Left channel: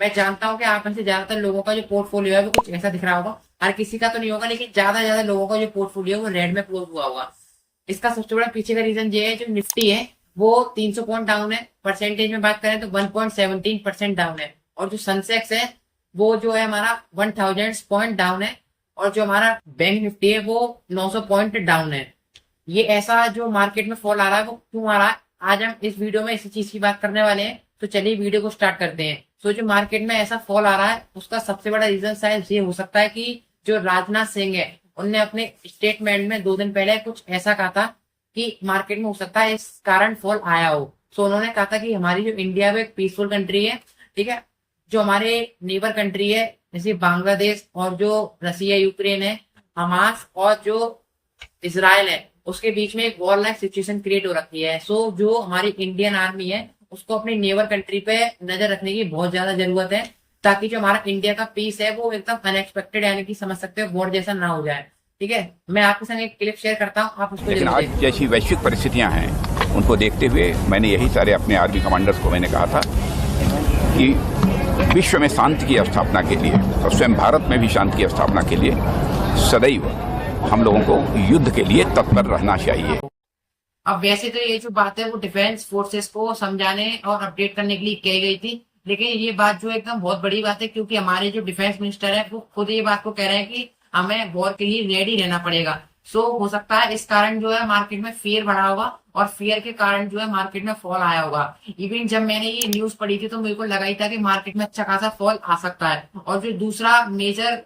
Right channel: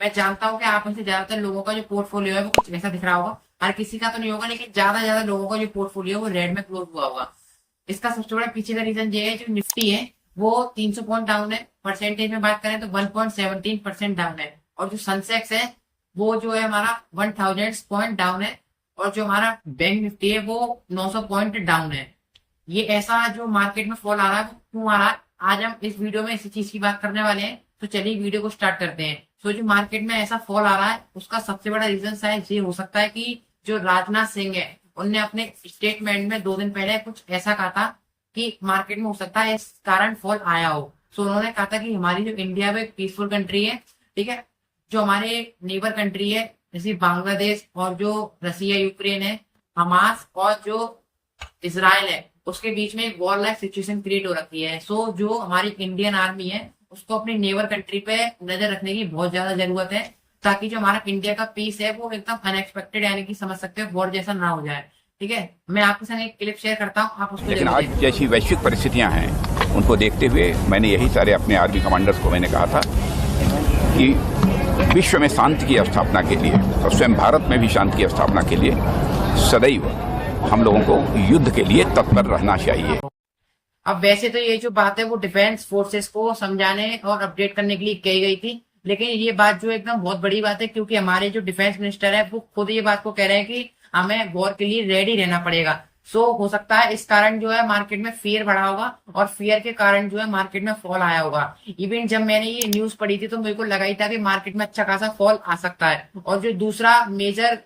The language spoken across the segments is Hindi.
मैं जानता हूँ कि आप में से ज्यादातर लोगों का जो पोर्टफोलियो है वो कुछ ऐसा दिख रहा होगा। हर किसी का तो नहीं होगा, लेकिन ज्यादा लोगों का जो पोर्टफोलियो है वो रेड में क्लोज हुआ होगा। इसका सबसे बड़ा पीछे का रीजन ये है, जो निफ्टी है वो 300 पॉइंट डाउन है। परसेंटेज में बात करें तो 1.17% डाउन है। और जो सनसेक्स है वो जो है हमारा 1000 पॉइंट डाउन है। और जो हमारा बैंक निफ्टी है वो 900 पॉइंट डाउन है। ये ऐसा जो मार्केट में फॉल आ रहा है वो क्यों आ रहा है, आज हम इस वीडियो में इसी चीज की बात करने वाले हैं। तो चलिए वीडियो को स्टार्ट करते हैं। तो जो मार्केट में ऐसा फॉल आ रहा है उसका सबसे बड़ा रीजन शायद ये हो सकता है कि जो राजनाथ सिंह है उनने अपने स्टेटमेंट में 2 दिन पहले कुछ ऐसा कहा था कि मार्केट में हो सकता है इस कारण फॉल आया हो। सो उन्होंने कहा था कि हमारी जो इंडिया वो एक पीसफुल कंट्री है, ठीक है। जो हमारे नेबर कंट्री है जैसे बांग्लादेश और जो रसिया यूक्रेन है, हमास और जो इसराइल है, उसके बीच में एक वॉर लाइक सिचुएशन क्रिएट हो रखी है। सो जो हमारी इंडियन आर्मी है उसको अपनी नेबर कंट्री पे नजर रखने की बहुत ज्यादा जरूरत है, ताकि जो हमारा इंडिया का पीस है वो एकदम अनएक्सपेक्टेड यानी कि समझ सकते हो वॉर जैसा ना हो जाए। ठीक है, मैं आपके संग एक क्लिप शेयर करता हूँ, आप उसको लेकिन जरूर आज देखें। जैसी वैश्विक परिस्थितियां हैं उनको देखते हुए मैंने यही सारे अपने आर्मी कमांडर्स को मैंने कहा था कि विश्व में शांति की स्थापना के लिए और स्वयं भारत में भी शांति की स्थापना के लिए सदैव हम लोगों को युद्ध के लिए तत्पर रहना चाहिए। अब वैसे तो ये जो बात है वो डिफेंस फोर्सेस को समझाने और अपडेट करने के लिए कही गई थी, लेकिन ये बात जो एकदम बहुत बड़ी बात है, क्योंकि हमारे जो डिफेंस मिनिस्टर है वो खुद ये बात को कह रहे हैं कि हमें वॉर के लिए रेडी रहना पड़ेगा। सो हो सकता है इस कारण जो है मार्केट में फियर बढ़ा होगा और फियर के कारण जो है मार्केट में फॉल आया होगा। इवन जब मैंने ये न्यूज पढ़ी थी तो मेरे को लगा ही था कि मार्केट में अच्छा खासा फॉल आ सकता है। और जो दूसरा मेजर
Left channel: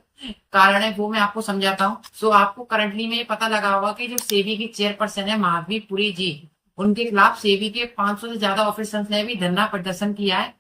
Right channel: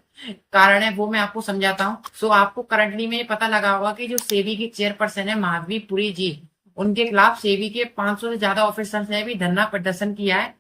कारण है वो मैं आपको समझाता हूँ। सो आपको करंटली में ये पता लगा होगा कि जो सेबी की चेयरपर्सन है माधवी पुरी जी, उनके खिलाफ सेबी के 500 से ज्यादा ऑफिसर्स ने भी धरना प्रदर्शन किया है,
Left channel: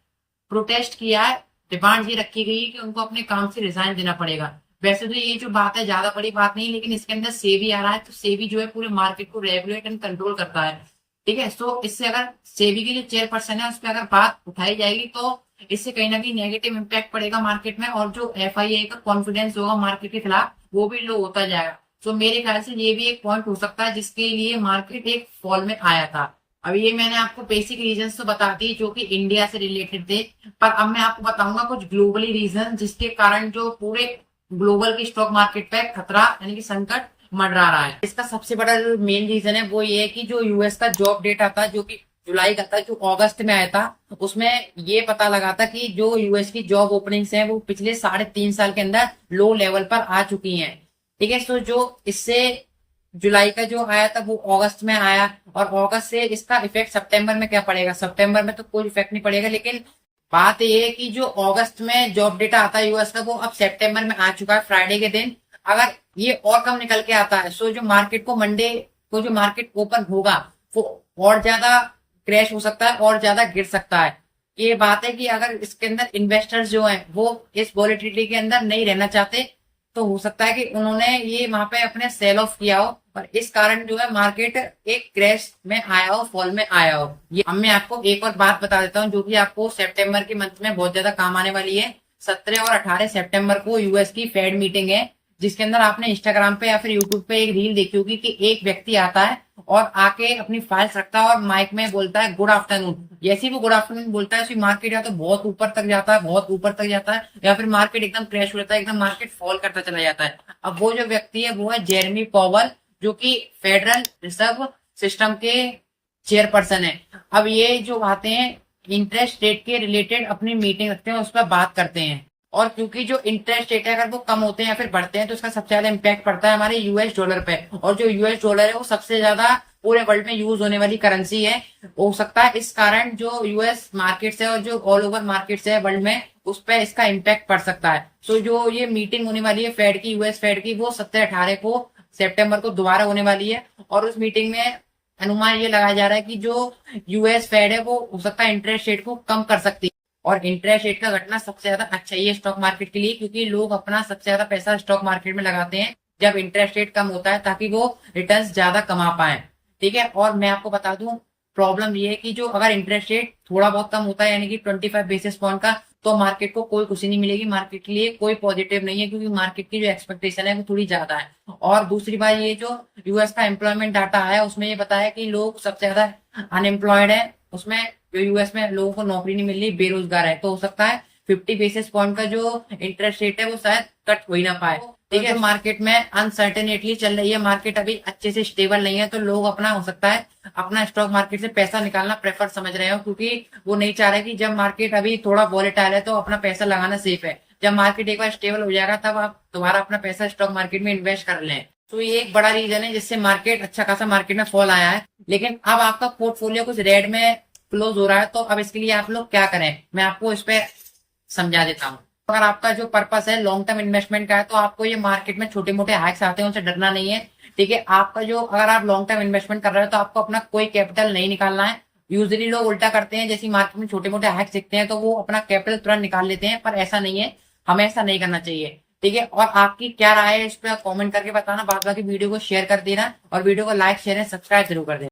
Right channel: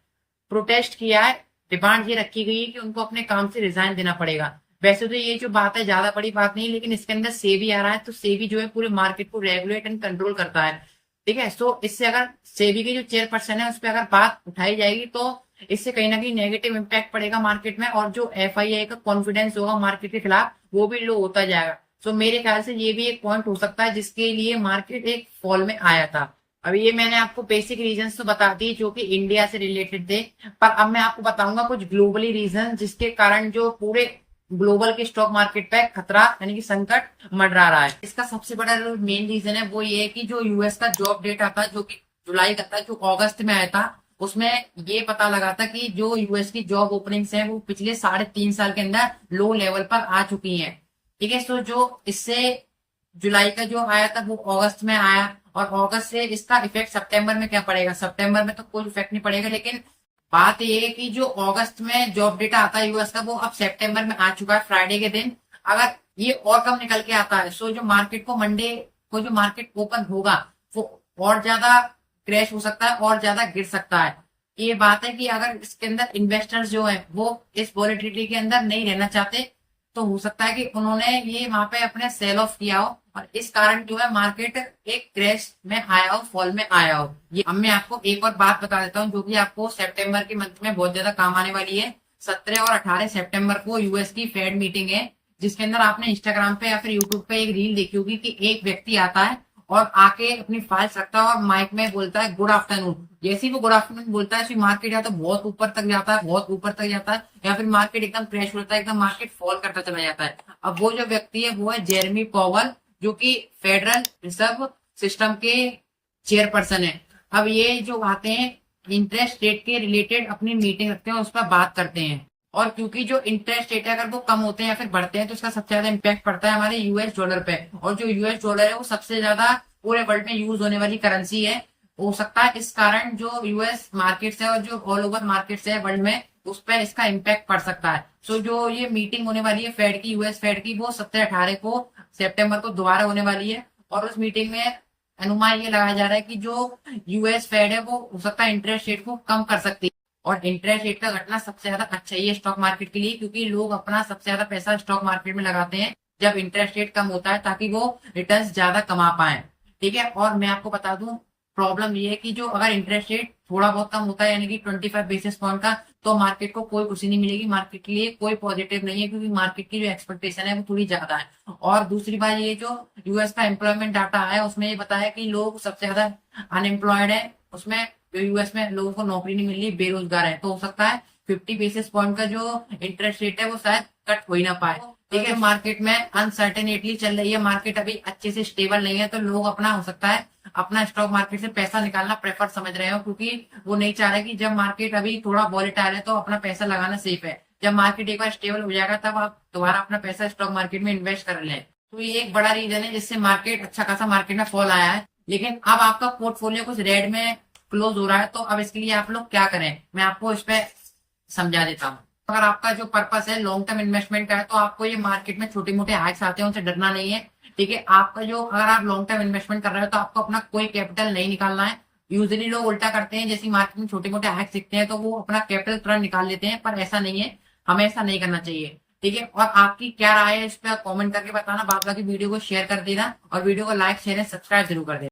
प्रोटेस्ट किया है। डिमांड ये रखी गई है कि उनको अपने काम से रिजाइन देना पड़ेगा। वैसे तो ये जो बात है ज्यादा बड़ी बात नहीं, लेकिन इसके अंदर सेबी आ रहा है, तो सेबी जो है पूरे मार्केट को रेगुलेट एंड कंट्रोल करता है। ठीक है, सो इससे अगर सेबी के जो चेयरपर्सन है उस पर अगर बात उठाई जाएगी तो इससे कहीं ना कहीं नेगेटिव इम्पैक्ट पड़ेगा मार्केट में, और जो एफआईआई का कॉन्फिडेंस होगा मार्केट के खिलाफ वो भी लो होता जाएगा। सो मेरे ख्याल से ये भी एक पॉइंट हो सकता है जिसके लिए मार्केट एक फॉल में आया था। अब ये मैंने आपको बेसिक रीजंस तो बता दी जो कि इंडिया से रिलेटेड थे, पर अब मैं आपको बताऊंगा कुछ ग्लोबली रीजन जिसके कारण जो पूरे ग्लोबल के स्टॉक मार्केट पे खतरा यानी कि संकट मंडरा रहा है। इसका सबसे बड़ा जो मेन रीजन है वो ये है कि जो यूएस का जॉब डेटा था जो कि जुलाई का था, जो अगस्त में आया था, उसमें ये पता लगा था कि जो यूएस की जॉब ओपनिंग्स हैं वो पिछले 3.5 साल के अंदर लो लेवल पर आ चुकी हैं। ठीक है, सो जो इससे जुलाई का जो आया था वो अगस्त में आया, और अगस्त से इसका इफेक्ट सितंबर में क्या पड़ेगा, सितंबर में तो कोई इफेक्ट नहीं पड़ेगा। लेकिन बात ये है कि जो अगस्त में जॉब डेटा आता है यूएस का वो अब सितंबर में आ चुका है फ्राइडे के दिन। अगर ये और कम निकल के आता है सो जो मार्केट को मंडे को जो मार्केट ओपन होगा वो और ज्यादा क्रैश हो सकता है और ज्यादा गिर सकता है। ये बात है कि अगर इसके अंदर इन्वेस्टर्स जो हैं वो इस वॉलेटिलिटी के अंदर नहीं रहना चाहते तो हो सकता है कि उन्होंने ये वहां पे अपने सेल ऑफ किया हो, और इस कारण जो है मार्केट एक क्रैश में आया हो, फॉल में आया हो। ये अब मैं आपको एक और बात बता देता हूँ जो कि आपको सितंबर के मंथ में बहुत ज्यादा काम आने वाली है। 17 और 18 सितंबर को यूएस की फेड मीटिंग है, जिसके अंदर आपने इंस्टाग्राम पे या फिर यूट्यूब पे एक रील देखी होगी कि एक व्यक्ति आता है और आके अपनी फाइल्स रखता है और माइक में बोलता है गुड आफ्टरनून। जैसे ही वो गुड आफ्टरनून बोलता है मार्केट या तो बहुत ऊपर तक जाता है, बहुत ऊपर तक जाता है, या फिर मार्केट एकदम क्रैश हो जाता है, एकदम मार्केट फॉल करता चला जाता है। अब वो जो व्यक्ति है वो है जेरेमी पॉवल, जो कि फेडरल रिजर्व सिस्टम के चेयरपर्सन है। अब ये जो आते हैं इंटरेस्ट रेट के रिलेटेड अपनी मीटिंग रखते हैं, उस पर बात करते हैं। और क्योंकि जो इंटरेस्ट रेट है अगर वो कम होते हैं या फिर बढ़ते हैं तो इसका सबसे ज्यादा इम्पैक्ट पड़ता है हमारे यूएस डॉलर पे, और जो यूएस डॉलर है वो सबसे ज्यादा पूरे वर्ल्ड में यूज होने वाली करेंसी है। हो सकता है इस कारण जो यूएस मार्केट्स है और जो ऑल ओवर मार्केट्स है वर्ल्ड में उस पर इसका इम्पैक्ट पड़ सकता है। सो जो ये मीटिंग होने वाली है फेड की, यूएस फेड की, वो 17-18 को सितंबर को दोबारा होने वाली है। और उस मीटिंग में अनुमान ये लगाया जा रहा है कि जो यूएस फेड है वो हो सकता है इंटरेस्ट रेट को कम कर सकती है। और इंटरेस्ट रेट का घटना सबसे ज्यादा अच्छा ही है स्टॉक मार्केट के लिए, क्योंकि लोग अपना सबसे ज्यादा पैसा स्टॉक मार्केट में लगाते हैं जब इंटरेस्ट रेट कम होता है, ताकि वो रिटर्न्स ज्यादा कमा पाए। ठीक है, और मैं आपको बता दूं प्रॉब्लम ये है कि जो अगर इंटरेस्ट रेट थोड़ा बहुत कम होता है यानी कि 25 बेसिस पॉइंट का, तो मार्केट को कोई खुशी नहीं मिलेगी, मार्केट के लिए कोई पॉजिटिव नहीं है, क्योंकि मार्केट की जो एक्सपेक्टेशन है वो थोड़ी ज्यादा है। और दूसरी बात ये जो यूएस का एम्प्लॉयमेंट डाटा है उसमें ये बताया कि लोग सबसे ज्यादा अनएम्प्लॉयड है, उसमें जो यूएस में लोगों को नौकरी नहीं मिल रही, बेरोजगार है। तो हो सकता है 50 बेसिस पॉइंट का जो इंटरेस्ट रेट है वो शायद कट हो ही ना पाए। ठीक है, मार्केट में अनसर्टेनिटी चल रही है, मार्केट अभी अच्छे से स्टेबल नहीं है, तो लोग अपना हो सकता है अपना स्टॉक मार्केट से पैसा निकालना प्रेफर समझ रहे हो, क्योंकि वो नहीं चाह रहे कि जब मार्केट अभी थोड़ा वॉलेटाइल है तो अपना पैसा लगाना सेफ है। जब मार्केट एक बार स्टेबल हो जाएगा तब आप दोबारा अपना पैसा स्टॉक मार्केट में इन्वेस्ट कर लें। तो ये एक बड़ा रीजन है जिससे मार्केट अच्छा खासा मार्केट में फॉल आया है। लेकिन अब आपका पोर्टफोलियो कुछ रेड में क्लोज हो रहा है, तो अब इसके लिए आप लोग क्या करें, मैं आपको इस पे समझा देता हूँ। अगर आपका जो पर्पस है लॉन्ग टर्म इन्वेस्टमेंट का है, तो आपको ये मार्केट में छोटे मोटे हाइक्स आते हैं उनसे डरना नहीं है। ठीक है, आपका जो अगर आप लॉन्ग टर्म इन्वेस्टमेंट कर रहे हो तो आपको अपना कोई कैपिटल नहीं निकालना है। यूजुअली लोग उल्टा करते हैं, जैसे मार्केट में छोटे मोटे हाइक्स दिखते हैं तो वो अपना कैपिटल तुरंत निकाल लेते हैं, पर ऐसा नहीं है, हमें ऐसा नहीं करना चाहिए। ठीक है, और आपकी क्या राय है इस पर कमेंट करके बताना, बाद बाकी वीडियो को शेयर कर देना और वीडियो को लाइक शेयर एंड सब्सक्राइब जरूर कर देना।